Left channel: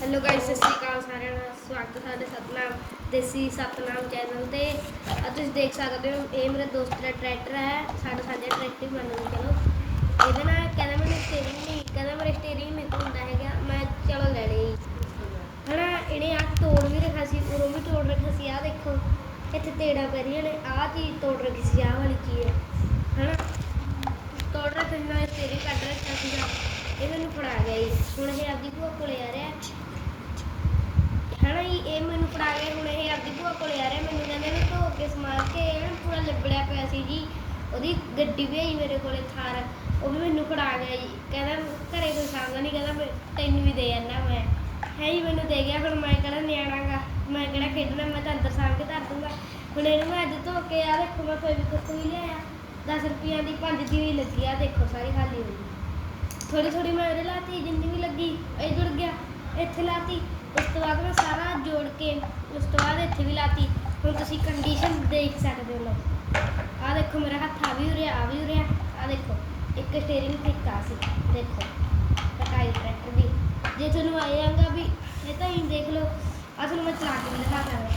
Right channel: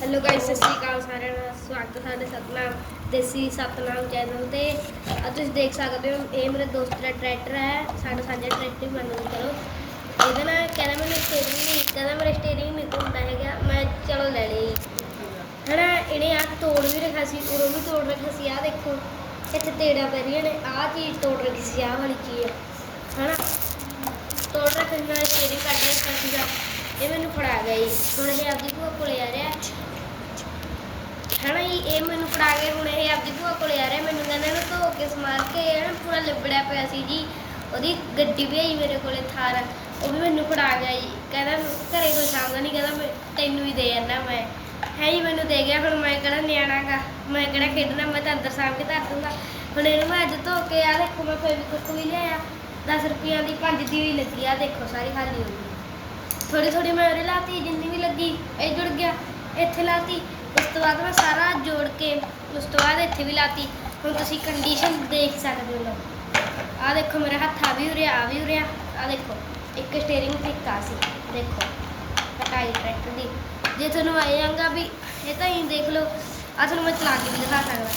Hello guys ਸਤਿ ਸ਼੍ਰੀ ਅਕਾਲ ਸਾਰਿਆਂ ਦਾ। ਸਵਾਗਤ ਹੈ ਸਾਡੇ ਸਤਨਾਮ, ਦੇਸੀ ਸਤਨਾਮ ਚੈਨਲ ਤੇ। ਅੱਜ ਤੁਸੀਂ ਦੇਖ ਸਕਦੇ ਹੋ, ਇਹ ਮੇਰੇ ਦੋਸਤ ਦਾ ਟਰੈਕਟਰ ਹੈ। ਸਾਡਾ ਸਾਡੇ ਟਰੈਕਟਰ ਮੰਨ ਲਓ ਚਲੋ। ਇਹਦੇ ਨਾਲ ਕਹਿੰਦਾ ਮੈਨੂੰ ਸਟੀਅਰਿੰਗ ਨਹੀਂ ਕਹਿੰਦਾ ਮੇਰਾ ਸਟੀਅਰਿੰਗ ਨਹੀਂ ਹੁੰਦਾ ਹੈਗਾ। ਮੈਂ ਚਲੋ ਲੈ ਲਈ ਹਨਾ, ਇਹਨੇ ਆ ਤੋੜ ਵੀ ਰੱਖਿਆ ਸੀ, ਉਰੋਂ ਵੀ ਤੋੜ ਰੱਖਿਆ ਸੀ ਆ ਦੇਖੋ। ਇੱਥੇ ਤੇੜਾ ਪੈ ਰਹੀਆਂ ਨੇ, ਆਹ ਚੀਜ਼ ਤੋੜ ਰੱਖੀ ਸੀ, ਆਹ ਵਾਲੀ ਚੀਜ਼। ਹਨਾ? ਤੋੜ ਰੱਖਣ ਨਾਲ ਸਟੀਅਰਿੰਗ ਕੱਢ ਰੱਖਿਆ ਸੀਗਾ। ਇਹ ਮੈਨੂੰ ਫੜਾ ਗਿਆ ਜੀ ਹੁਣ ਇਹ ਆਪਦੀ ਭੂਆ ਕੋਲੇ ਆ ਰਿਹਾ। ਹਨਾ ਜੀ ਇਹ ਮੈਨੂੰ ਫੜਾ ਕੇ ਹੁਣ ਇਹ ਆਪਦੀ ਭੂਆ ਕੋਲੇ ਆ ਰਿਹਾ। ਮੈਨੂੰ ਕਹਿੰਦਾ ਇਹਨੂੰ ਧੋ ਕੇ ਸਮਾਰ ਕੇ ਹਨਾ ਪੂਰਾ ਲਿਬੜਿਆ ਪਿਆ ਸੀ ਜੀ। ਉਹਦੀ ਗੱਡੀ ਵੀ ਆਈ ਮੇਰੇ ਕੋਲੇ ਥਾਰ। ਉਹ ਵੀ ਮੈਨੂੰ ਫੜਾ ਗਿਆ ਜੀ। ਕਹਿੰਦਾ ਘਰੇ ਕੋਈ ਸਾਂਭਦਾ ਨਹੀਂ ਕਹਿੰਦਾ ਮੈਂ ਤੈਨੂੰ ਹੀ ਦੇ ਜਾਂਦਾ ਮੈਂ। ਹੈ ਜੀ, ਮੈਨੂੰ ਦੇ ਗਿਆ, ਹੁਣ ਮੈਂ ਕਿਹੜਾ ਨਿਆਣਾਗਾ ਮੈਂ ਕਿਹੜਾ ਖੇਡਣਾ, ਮੈਂ ਤਾਂ ਅੰਦਰ ਸਾਂਭ ਕੇ ਧਰ ਦੂੰਗਾ। ਹੁਣ ਇਹਨੂੰ ਮੈਂ ਅੱਜ ਧੋ ਕੇ ਆ, ਦੇਖੋ ਮੈਂ ਫੇਵਿਕਵਿਕ ਵੀ ਲਿਆਇਆ। 10 ਰੁਪਈਆਂ ਦੀ ਪੰਜ ਦੀ ਵੀ ਲੱਗੀ ਆ, ਦੇਖੋ ਸਾਰੀ ਖਾਲੀ ਹੋ ਗਈ। ਥੋੜੀ ਥੋੜੀ ਮੈਂ ਉਹਦੇ ਲਾਤੀ, ਜਿੰਨੀ ਵੀ ਲੱਗੀ, ਇਹ ਜੁੜ ਗਿਆ, ਇੱਥੇ ਲਾਤੀ। ਉਸ ਤੋਂ ਬਾਅਦ ਮੈਂ ਸਾਰਾ ਜੋੜ ਕੇ ਉਸ ਤੋਂ ਬਾਅਦ ਇੱਥੇ ਵੀ ਲਾਤੀ। ਹੁਣ ਤੁਸੀਂ ਕੰਡੀਸ਼ਨ ਦੇਖ ਸਕਦੇ ਹੋ। ਆ ਦੇਖੋ, ਮੇਰਾ ਹੱਥ ਆ ਵੀ ਉਰੇ, ਆ ਵੀ ਉਰਿਆ ਆ। ਦੇਖੋ, ਇੱਕ ਸਟੀਅਰਿੰਗ ਠੀਕ ਆ ਸੀ। ਦੇਖੋ ਕਟਾਈ ਟਰੈਕਟਰ ਦੀ। ਜੇ ਤੁਹਾਨੂੰ ਆਏ ਜਾਂਗਾ ਵੀ, ਇਹ ਤਾਂ ਹੀ ਦੇਖ ਲਓ। ਆ ਤੁਹਾਨੂੰ ਮੈਂ ਚਲਾ ਕੇ ਵੀ ਦਿਖਾ ਸਕਦਾ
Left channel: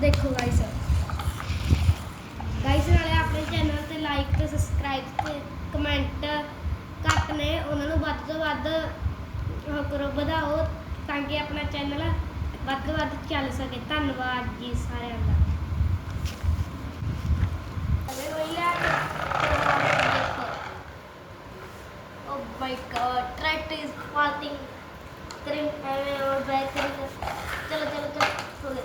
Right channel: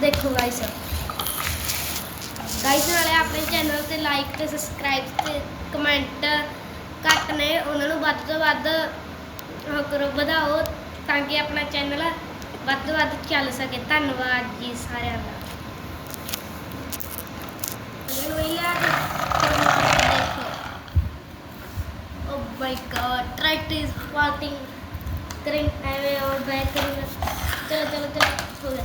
ਦੇਖੋ ਗਾਇਸ ਗਾਇਸ ਨਾਲੇ ਆਪਣੇ ਚੈਨਲ ਤੇ ਲਾਈਕ ਤੇ ਸਬਸਕ੍ਰਾਈਬ ਤੇ ਕਮੈਂਟ ਘੱਟ ਨੇ, ਉਹਨਾਂ ਨੂੰ ਵੱਧ ਤੋਂ ਵੱਧ ਉਹ ਕਰੋ, ਵਧਾਓ ਤਾਂ ਕਿ ਆਪਣਾ ਚੈਨਲ ਵੱਧ ਤੋਂ ਵੱਧ ਚੱਲ ਸਕੇ। ਧੰਨਵਾਦ ਜੀ ਸਾਰਿਆਂ ਦਾ। ਅਗਰ ਹੋਈ ਆ ਓ ਮਾਈ ਗॉड ਟ੍ਰੈਟ ਇਜ਼ ਫਾਟਿੰਗ ਕਰਿੰਗ ਐਵੇਂ ਔਰ ਬੈਕ ਕਰਿੰਗ ਚਲੋ ਚਲੋ ਚਲੋ, ਹੋ ਗਿਆ।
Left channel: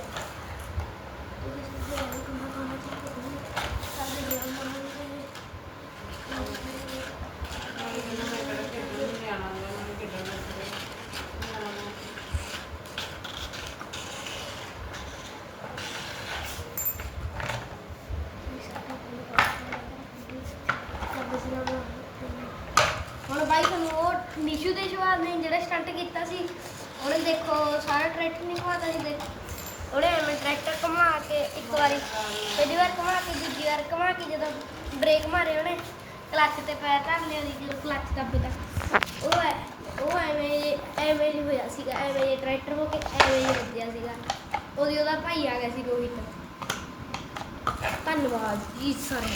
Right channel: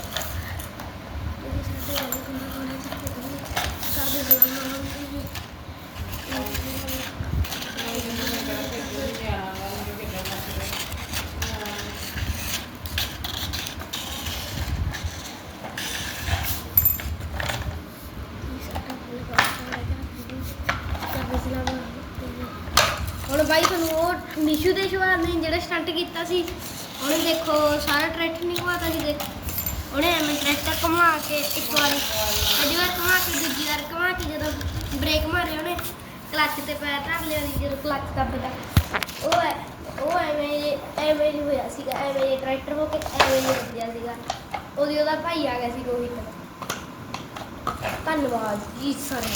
ਨਿਸ਼ੂ ਦੇ ਸ਼ੋਅ ਨੇ ਜਿਹੜਾ ਸਟੰਟ ਕੀਤਾ ਸੀ, ਉਹਨੇ ਦੇਖੋ ਸਾਰਾ ਟਰੈਕਟਰ ਨਹੀਂ ਘਵਾਤਾ ਸੀ ਦੇਖ। ਉਹਨੇ ਐਵੇਂ ਟਰੈਕਟਰ ਘੁਮਾ ਕੇ ਇੱਕ ਵਾਰ, ਪਹਿਲੀ ਵਾਰ ਘੁਮਾ ਕੇ, ਦੂਜੀ ਵਾਰ ਘੁਮਾ ਕੇ ਜਦੋਂ ਬ੍ਰੇਕ ਮਾਰੇ ਉਹਨੇ ਕਲੱਚ ਤੇ ਪੈਰ ਧਰ ਲਿਆ ਸੀ, ਜਦੋਂ ਕਲੱਚ ਦੱਬਦਾ ਉਹ ਐ, ਉਹ ਐਵੇਂ ਐਵੇਂ ਹੀ ਹੋਇਆ ਸੀਗਾ, ਐਵੇਂ ਹੀ ਟਰੈਕਟਰ ਹੋ ਕੇ ਐਵੇਂ ਹੀ ਵੱਜਿਆ ਸੀਗਾ। ਉਹਦੀ ਉਹਦਾ ਭਾਈ ਆ ਗਿਆ ਸੀ ਰੋਹਿਤ। ਧੰਨਵਾਦ ਜੀ ਸਾਰੇ